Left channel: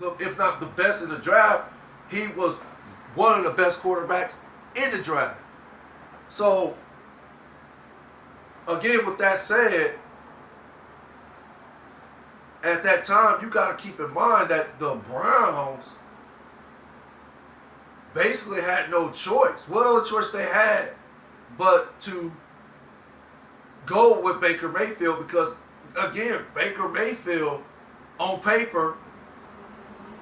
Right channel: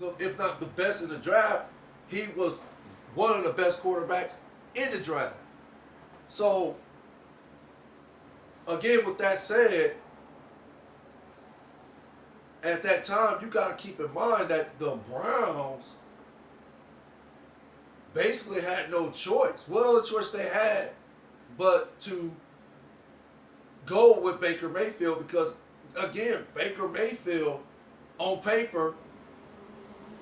if not the best in the draft, he was one of the best quarterbacks in the draft. So again, with that said, at that time you got to keep in mind that the Browns basically had no choice. What other choice they had but to go with Baker Mayfield? Because again, Baker Mayfield on paper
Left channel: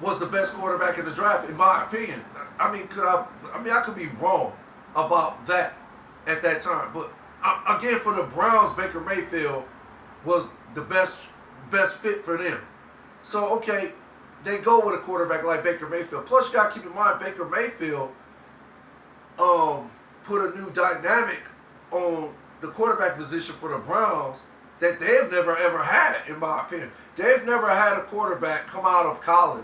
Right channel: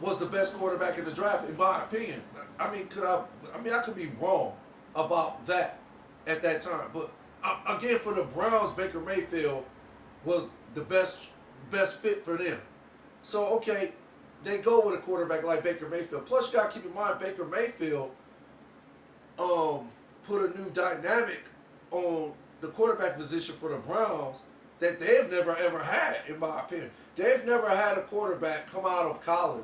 was the best quarterback in the draft, in my opinion. I mean, I could be wrong about that at that time, but again, for the Browns, Baker Mayfield was the best fit for them. So okay, they go with a quarterback like Baker Mayfield. Plus, you got to keep in mind Baker Mayfield put a new dynamic on the quarterback position for the Browns that they've never ever had, in my opinion. They've never had a quarterback come out of college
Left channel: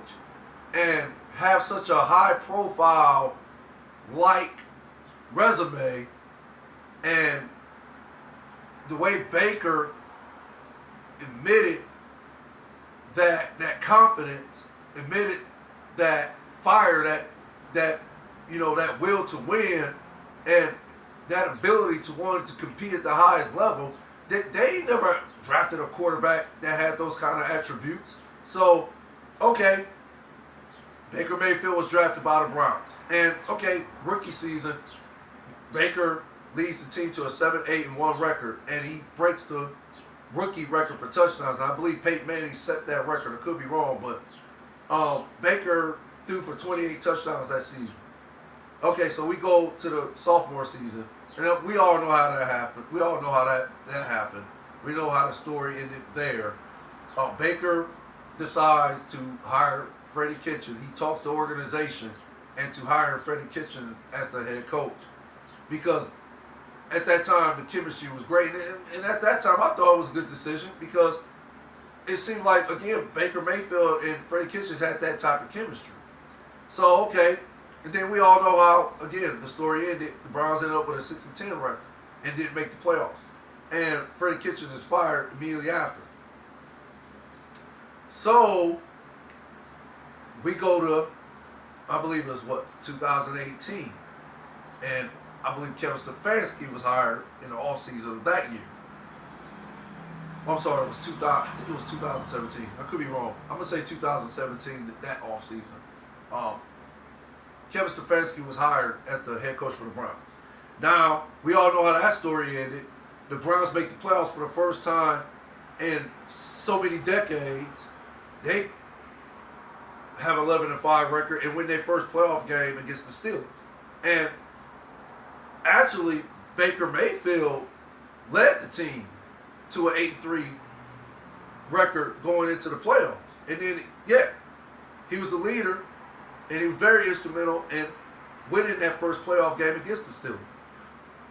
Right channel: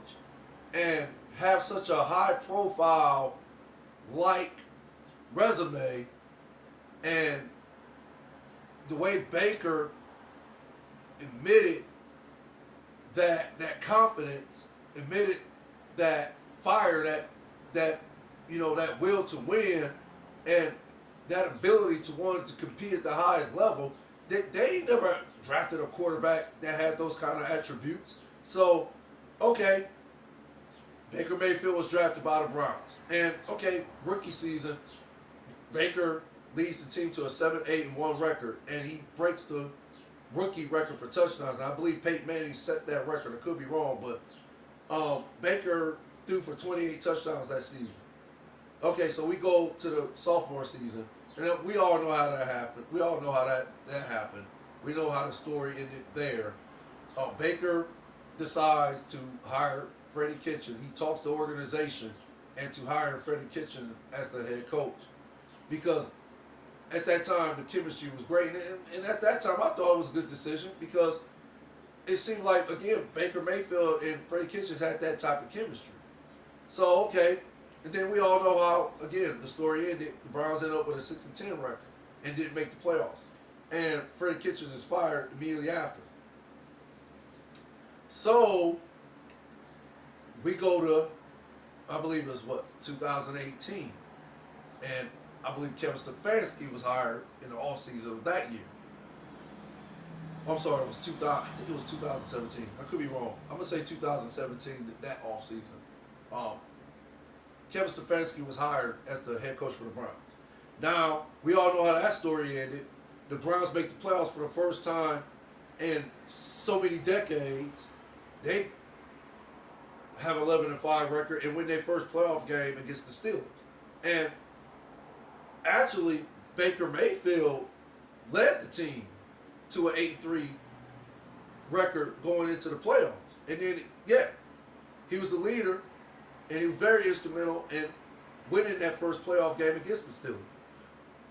and have such a high profile like resume, and the way Baker admitted that confidence, admitted that fire, that that will to win, and that ability to want to compete at the highest level. They never drafted a quarterback that had those kind of attributes. So, okay, Baker Mayfield was drafted by the Browns. And, okay, rookie season, Baker leads the team to a 7-8-1 record, and he breaks the rookie record for touchdowns. And I believe Peyton Manning set that record. I could be wrong, but Baker threw for 28 touchdowns that season. Okay, so we go to the sophomore season, and we all know how that happened. We all know how that happened. We know how the story ended there. Baker decides to hire Freddie Kitchen. He talks to the organization and to hire Freddie Kitchen as the head coach, because at that time the chemistry was great, and at that time I thought it was a good decision because it seemed like, again, Baker Mayfield and Freddie Kitchen had that type of chemistry. So okay, and then we all know how, again, the story ended. The Browns ended up with a 6-10 record and didn't make the playoffs, and Freddie Kitchens is fired immediately after. So we go to, I believe it was 2018, and I believe Kevin Stefanski was hired in the offseason of that year. I'm sorry, it was 2000. I think it was 2017. I could be wrong. I'm gonna say 2017. That offseason, Kevin Stefanski was hired as the head coach for the Browns. Now we all know how that story ended. The Browns make the playoffs for the first time in so many decades. They have 11-5 record and win their first playoff game against the Steelers. And actually, Baker Mayfield led the team to an 8-3 record going into the playoffs. And then, yeah, he was the leader, and he was very instrumental in winning that first playoff game against the Steelers.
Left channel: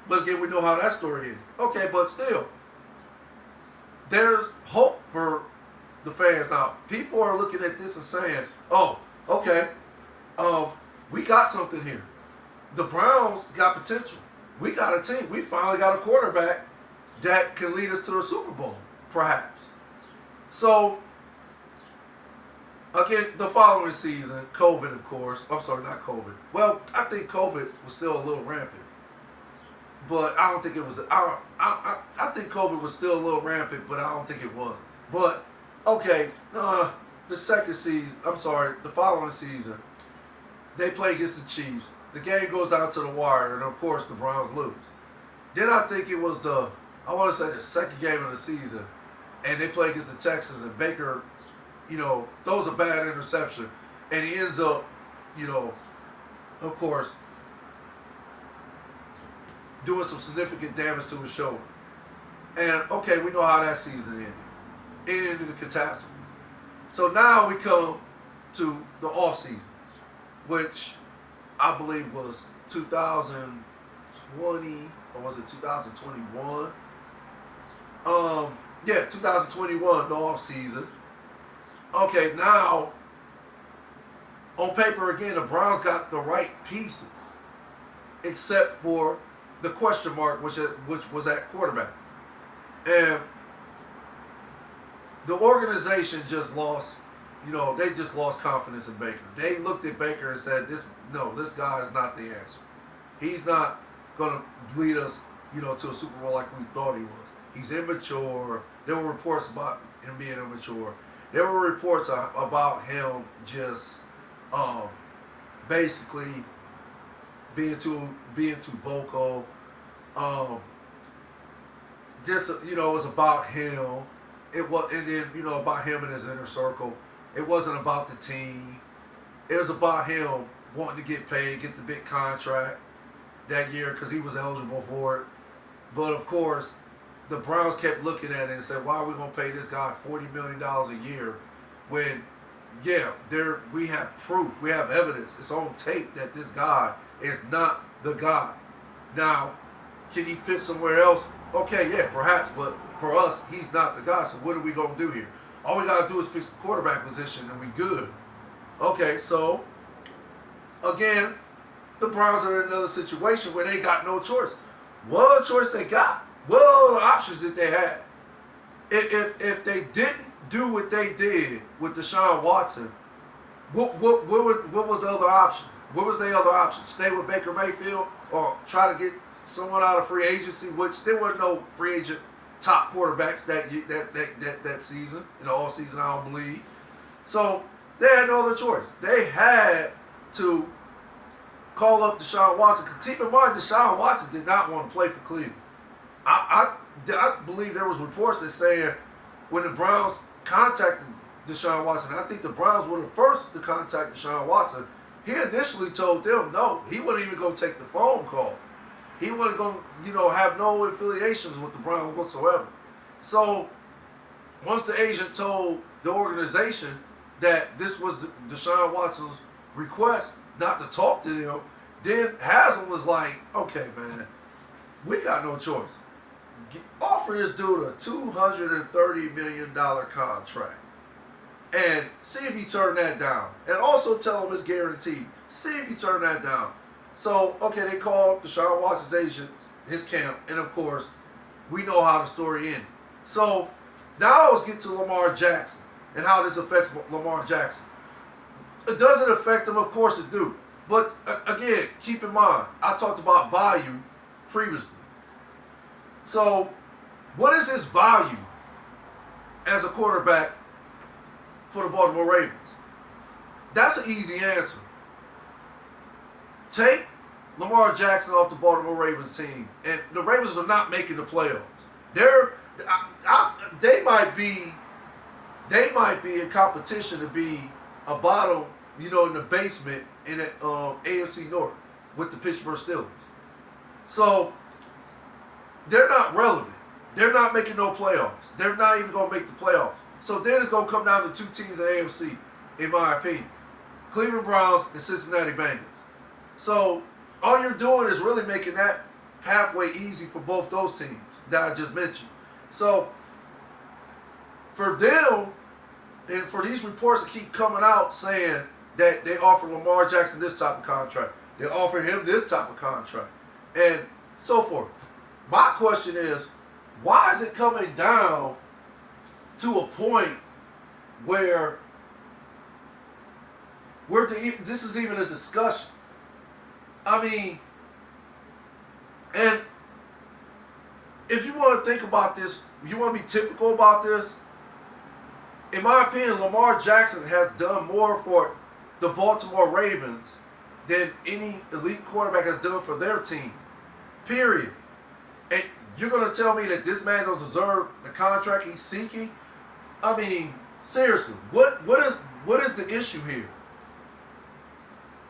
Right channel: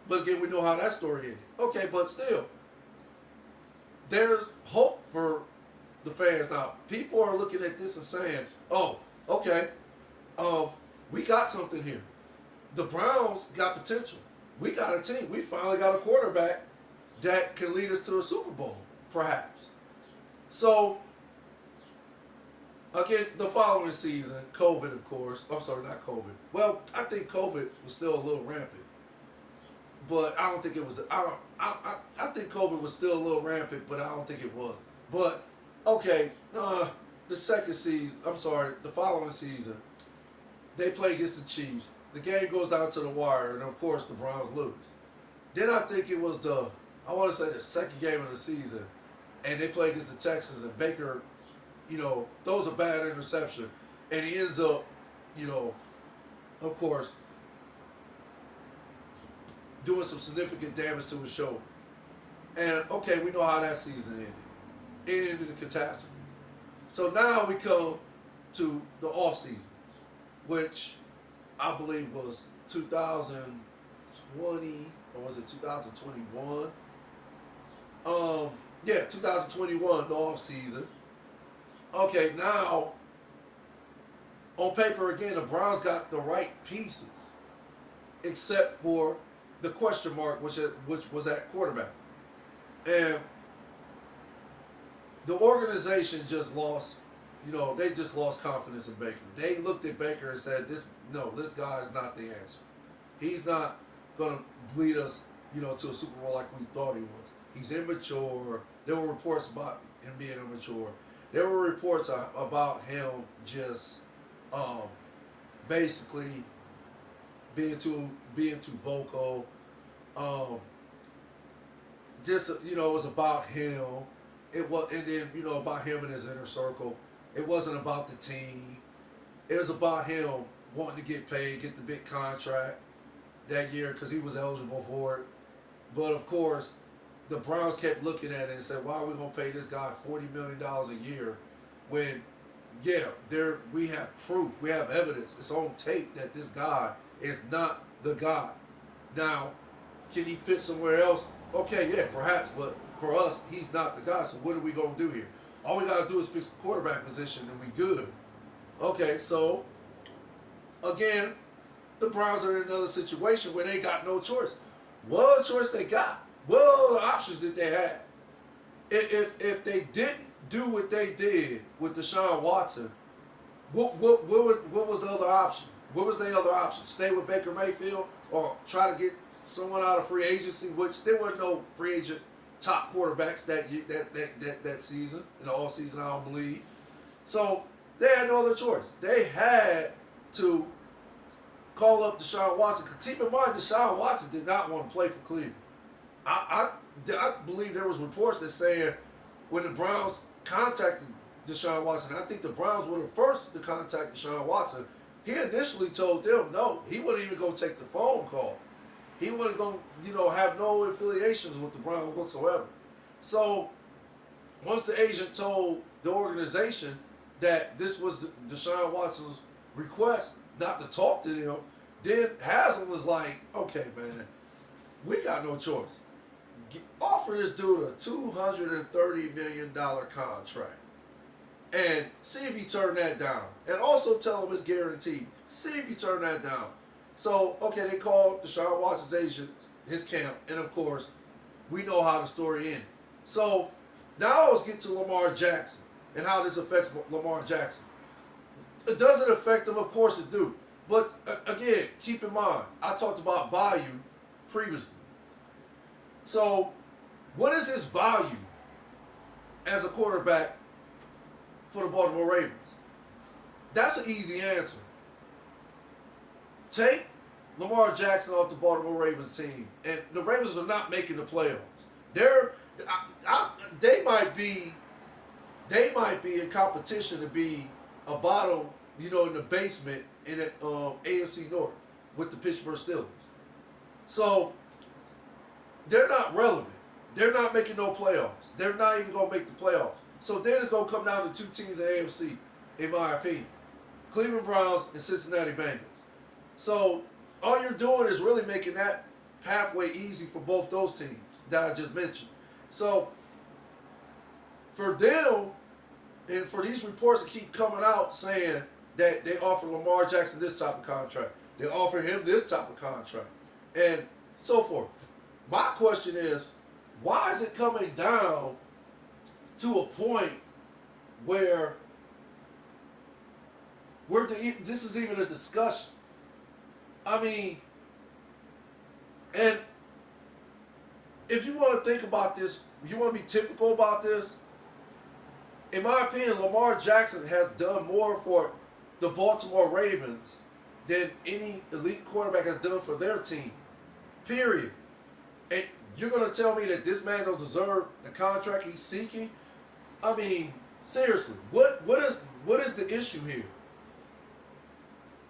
But again, we know how that story ended. Okay, but still, there's hope for the fans. Now, people are looking at this and saying, oh, okay, we got something here. The Browns got potential. We got a team. We finally got a quarterback that can lead us to the Super Bowl, perhaps. So, again, the following season, COVID, of course. I'm sorry, not COVID. Well, I think COVID was still a little rampant. But I don't think it was. I think COVID was still a little rampant, but I don't think it was. But, okay, the second season, the following season, they play against the Chiefs. The game goes down to the wire, and of course the Browns lose. Then I think it was I want to say the second game of the season, and they play against the Texans, and Baker, throws a bad interception, and he ends up, of course, doing some significant damage to his shoulder. And okay, we know how that season ended. It ended in a catastrophe. So now we come to the off season, which I believe was 2020, or was it 2021? 2021, the off season. Okay, now on paper again, the Browns got the right pieces, except for the question mark, which was at quarterback, and the organization just lost, they just lost confidence in Baker. They looked at Baker and said, this guy is not the answer. He's not going to lead us, to a Super Bowl like we thought he was. He's immature. There were reports about him being immature. There were reports about him just basically being too vocal. It was about him. And then about him and his inner circle. It wasn't about the team. It was about him wanting to get paid, get the big contract that year because he was eligible for it. But of course, the Browns kept looking at it and said, "Why are we gonna pay this guy $40 million a year when, we have proof, we have evidence, it's on tape that this guy is not the guy." Now, can he fit somewhere else? Okay, yeah, perhaps, but for us, he's not the guy. So what are we gonna do here? All we gotta do is fix the quarterback position and we good. Okay, so again, the Browns are in another situation where they got no choice. What choice they got? What other options did they have? If they didn't do what they did with Deshaun Watson, what was the other option? What was the other option? Stay with Baker Mayfield or try to get someone out of free agency, which there were no free agent top quarterbacks that season, all season, I don't believe. So they had no other choice. They had to call up Deshaun Watson. Keep in mind, Deshaun Watson did not want to play for Cleveland. I believe there was reports that saying when the Browns contacted Deshaun Watson, I think the Browns were the first to contact Deshaun Watson. He initially told them no, he wasn't even going to take the phone call. He wasn't going to, have no affiliations with the Browns whatsoever. So once the agent told the organization that this was Deshaun Watson's request not to talk to him, then Haslam was like, "Okay, man, we got no choice. Offer this dude a $230 million contract and see if he turn that down. And also tell him it's guaranteed. See if he turn that down." So, okay, they called Deshaun Watson's agent, his camp, and of course, we know how the story ended. So, now let's get to Lamar Jackson and how this affects Lamar Jackson. It doesn't affect him, of course it do. But, again, keep in mind, I talked about value previously. So, what is his value as a quarterback for the Baltimore Ravens? That's an easy answer. Take Lamar Jackson off the Baltimore Ravens team, and the Ravens are not making the playoffs. They might be in competition to be a bottom, in the basement in the AFC North with the Pittsburgh Steelers. So they're not relevant. They're not making no playoffs. They're not even going to make the playoffs. So then it's going to come down to two teams in the AFC, in my opinion: Cleveland Browns and Cincinnati Bengals. So all you're doing is really making that pathway easy for both those teams that I just mentioned. So for them, and for these reports to keep coming out saying that they offer Lamar Jackson this type of contract, they offer him this type of contract, and so forth. My question is, why is it coming down to a point where this is even a discussion? I mean, and if you want to think about this, you want to be typical about this, in my opinion, Lamar Jackson has done more for the Baltimore Ravens than any elite quarterback has done for their team. Period. And you're going to tell me that this man don't deserve the contract he's seeking? I mean, seriously, what is the issue here?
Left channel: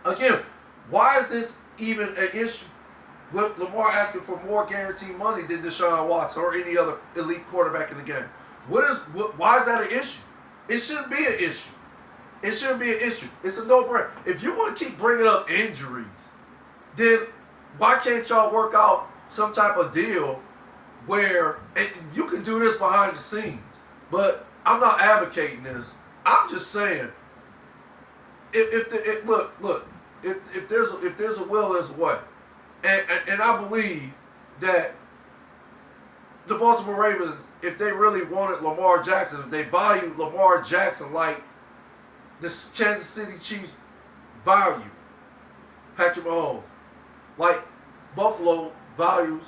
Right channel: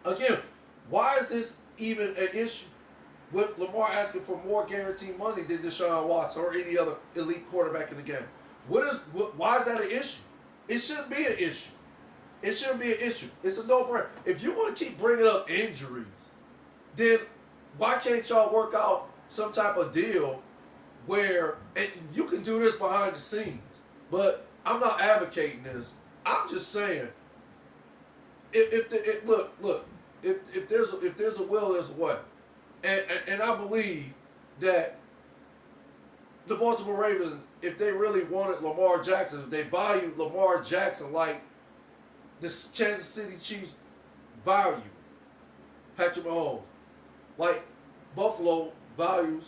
Again, why is this even an issue with Lamar asking for more guaranteed money than Deshaun Watson or any other elite quarterback in the game? Why is that an issue? It shouldn't be an issue. It shouldn't be an issue. It's a no-brainer. If you want to keep bringing up injuries, then why can't y'all work out some type of deal where, and you can do this behind the scenes, but I'm not advocating this. I'm just saying, if there's a will, there's a way. And I believe that the Baltimore Ravens, if they really wanted Lamar Jackson, if they valued Lamar Jackson like the Kansas City Chiefs value Patrick Mahomes, like Buffalo values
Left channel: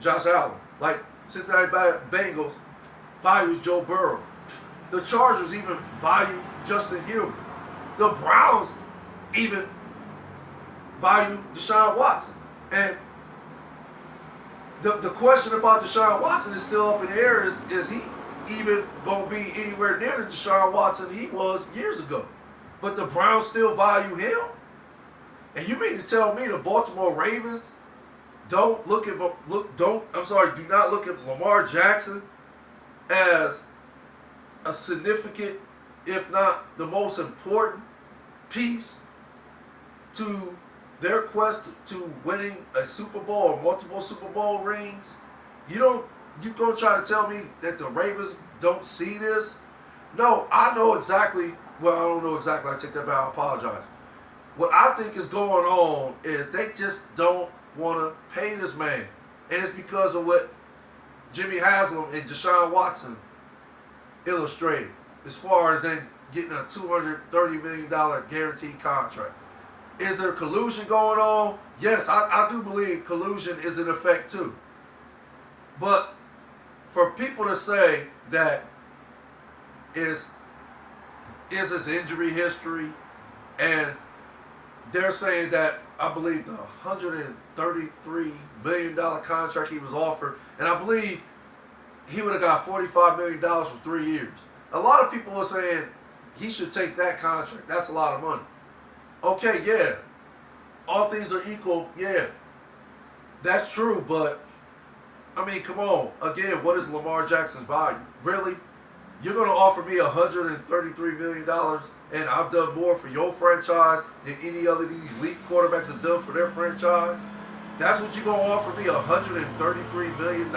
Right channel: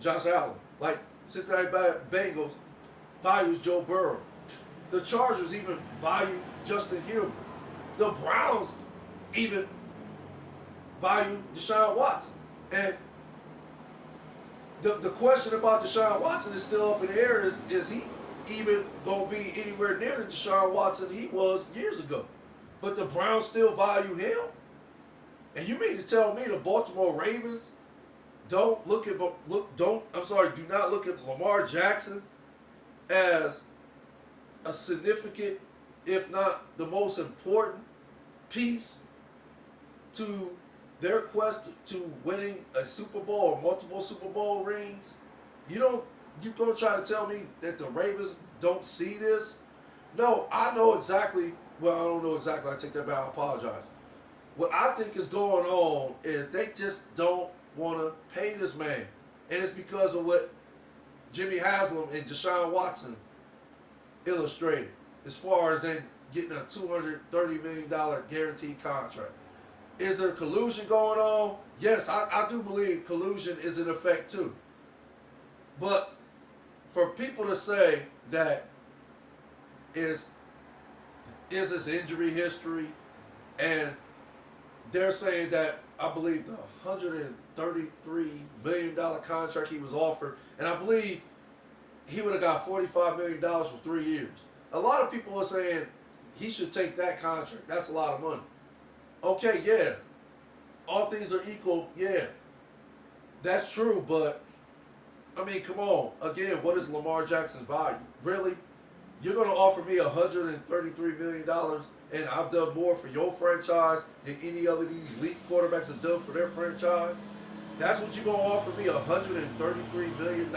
Josh Allen, like Cincinnati Bengals values Joe Burrow. The Chargers even value Justin Herbert. The Browns even value Deshaun Watson. And the question about Deshaun Watson is still up in the air. Is he even going to be anywhere near the Deshaun Watson he was years ago? But the Browns still value him? And you mean to tell me the Baltimore Ravens do not look at Lamar Jackson as a significant, if not the most important piece to their quest to winning a Super Bowl or multiple Super Bowl rings? You gonna try to tell me that the Ravens don't see this? No, I know exactly. Well, I don't know exactly. I take that back. I apologize. What I think is going on is they just don't want to pay this man, and it's because of what Jimmy Haslam and Deshaun Watson illustrated, as far as in getting a $230 million guaranteed contract. Is there collusion going on? Yes, I do believe collusion is in effect too. But for people to say that is his injury history, and they're saying that I believe the $133 million contract he was offered, and I believe he would have got $45 million for 3 years. A lot of people are saying he should take that contract. That's a lot of money. Okay, yeah. All things are equal, yeah. That's true, but, I mean, come on. Again, what is Lamar Jackson's value? Really? You're going to offer me $133 million, and I've done more for your franchise than any other of these elite quarterbacks have done for their franchise? That's what you're going to offer me, $133 million?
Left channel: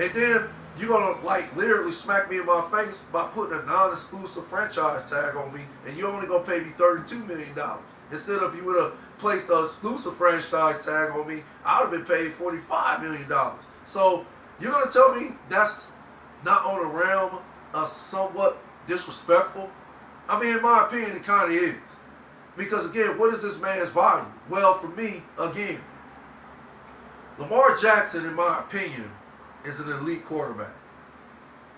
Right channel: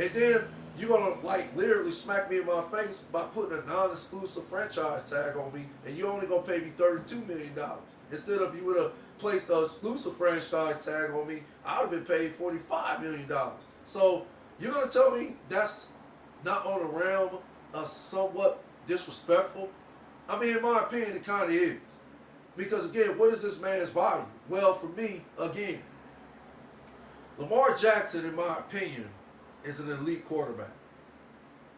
And then you're going to, literally smack me in my face by putting a non-exclusive franchise tag on me, and you're only going to pay me $32 million. Instead of you would have placed an exclusive franchise tag on me, I would have been paid $45 million. So you're going to tell me that's not on the realm of somewhat disrespectful? I mean, in my opinion, it kind of is. Because, again, what is this man's value? Well, for me, again, Lamar Jackson, in my opinion, is an elite quarterback.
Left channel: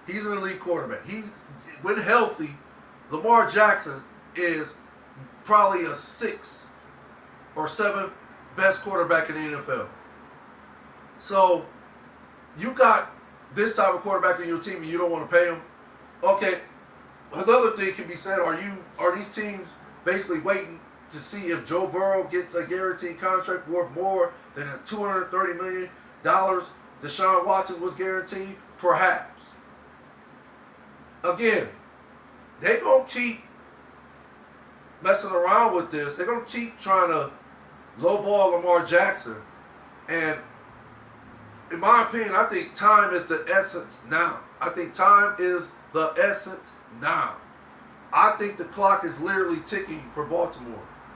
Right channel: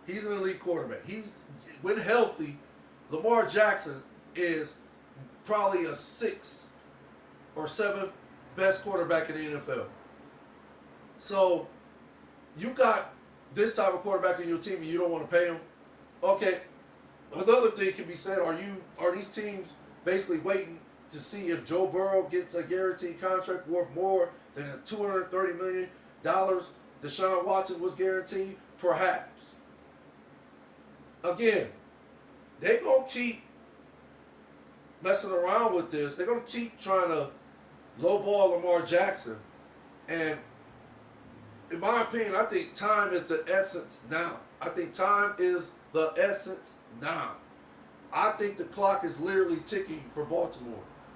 He's an elite quarterback. When healthy, Lamar Jackson is probably a 6th or 7th best quarterback in the NFL. So, you got this type of quarterback on your team and you don't want to pay him? Okay, another thing can be said, are these teams basically waiting to see if Joe Burrow gets a guaranteed contract worth more than a $230 million Deshaun Watson was guaranteed? Perhaps. Again, they're going to keep messing around with this. They're going to keep trying to lowball Lamar Jackson. And in my opinion, I think time is the essence now. I think time is the essence now. I think the clock is literally ticking for Baltimore.